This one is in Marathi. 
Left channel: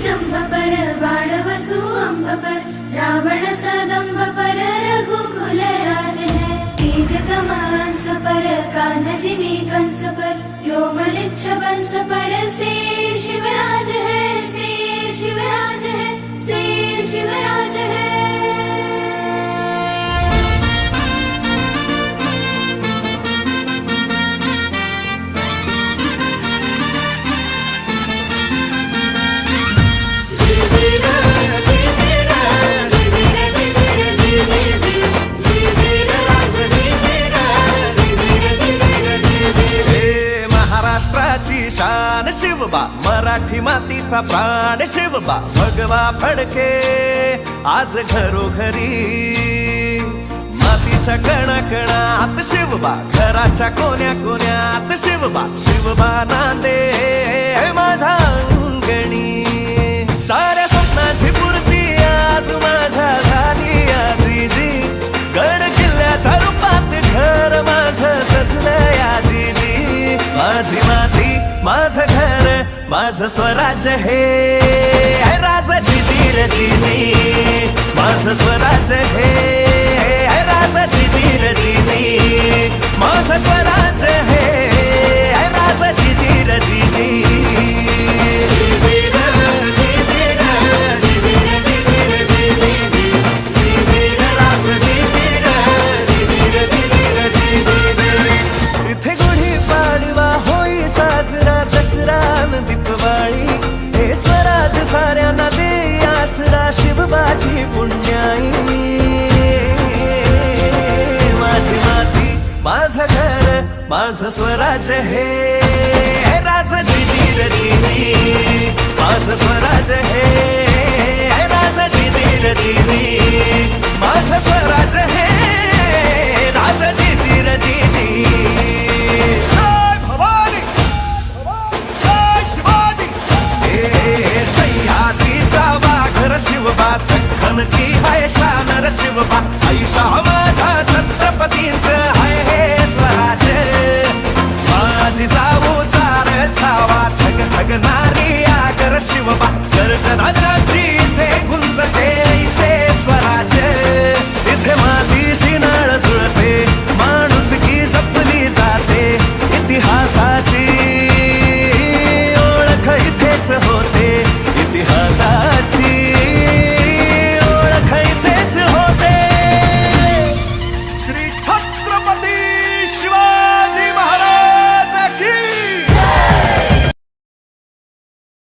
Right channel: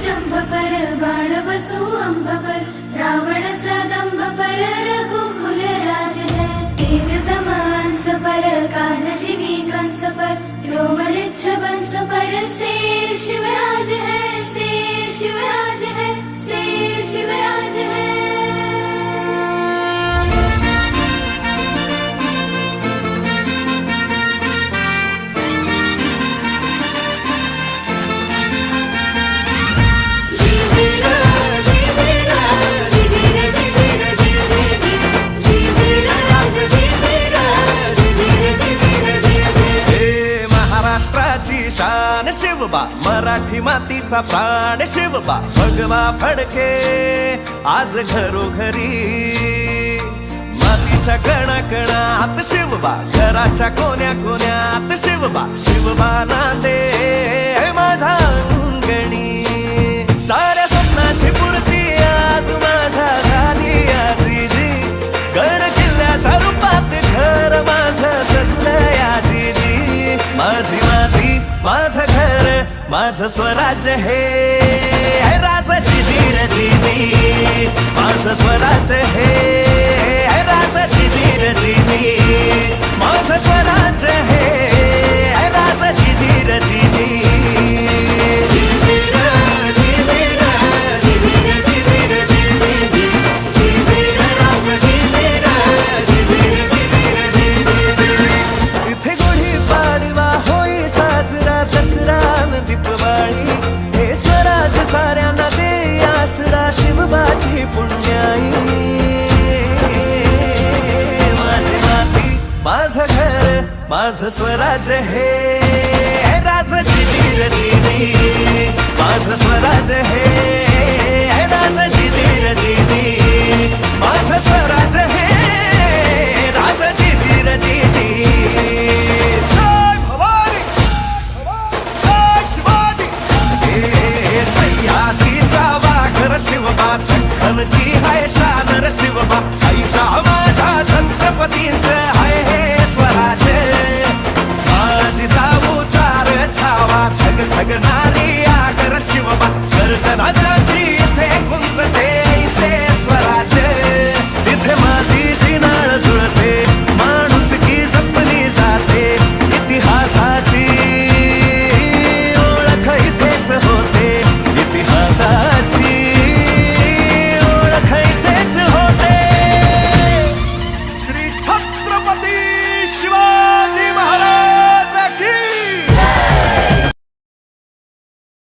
जंभ पर बाण बसु अंब पर रावण सदंभ पर रघुकुल राज है तेज तमांस पर कान्हा भी कंस पर व्योमलिच्छ बंस पर शेर शिवराज है शेर शिवराज है शेर शिवराज है। महाराष्ट्राची शान शिवबा मराठी मातीचा प्राण शिवबा भगवा फडके आज घरोघरी मातीच्या कणाकणात शिवबा घराच्या कोण्या कोण्यात शिवबा शिवबा नांदे माझ्या अंगणी साऱ्या स्वप्नाची पूर्ती आज माझ्या झाली आजीजी गड किल्ल्याच्या रूपात घर माझं सजलं या जीजी माझी माती माझं घर माझं स्वराज्य हे राजाची जीर जीजी माझं स्वराज्य हे राजाची जीर जीजी माझं स्वराज्य हे राजाची जीर जीजी। दसरा दीपवाळी हे स्वराज साऱ्यांना दे आसरा शिवबाची पुण्याई माझी माती माझं घर माझं स्वराज्य हे राजाची जीर जीजी माझं स्वराज्य हे राजाची जीर जीजी माझं स्वराज्य हे राजाची जीर जीजी। वाघर शिवबा दख्खनची हाय शानर शिवबा ऐशा माझा छत्रपतींचं हाय हे स्वराज्य माझी जाऊ चार छावा ठग ठगणारी आगर शिवबा गर्जनाच्या इथे गुंजते ऐसे स्वराज्य इथे मातीशी नाळ जुळते माणुसकी जपली जाते इतिहासाची ओळख इथेच होते इतिहासाची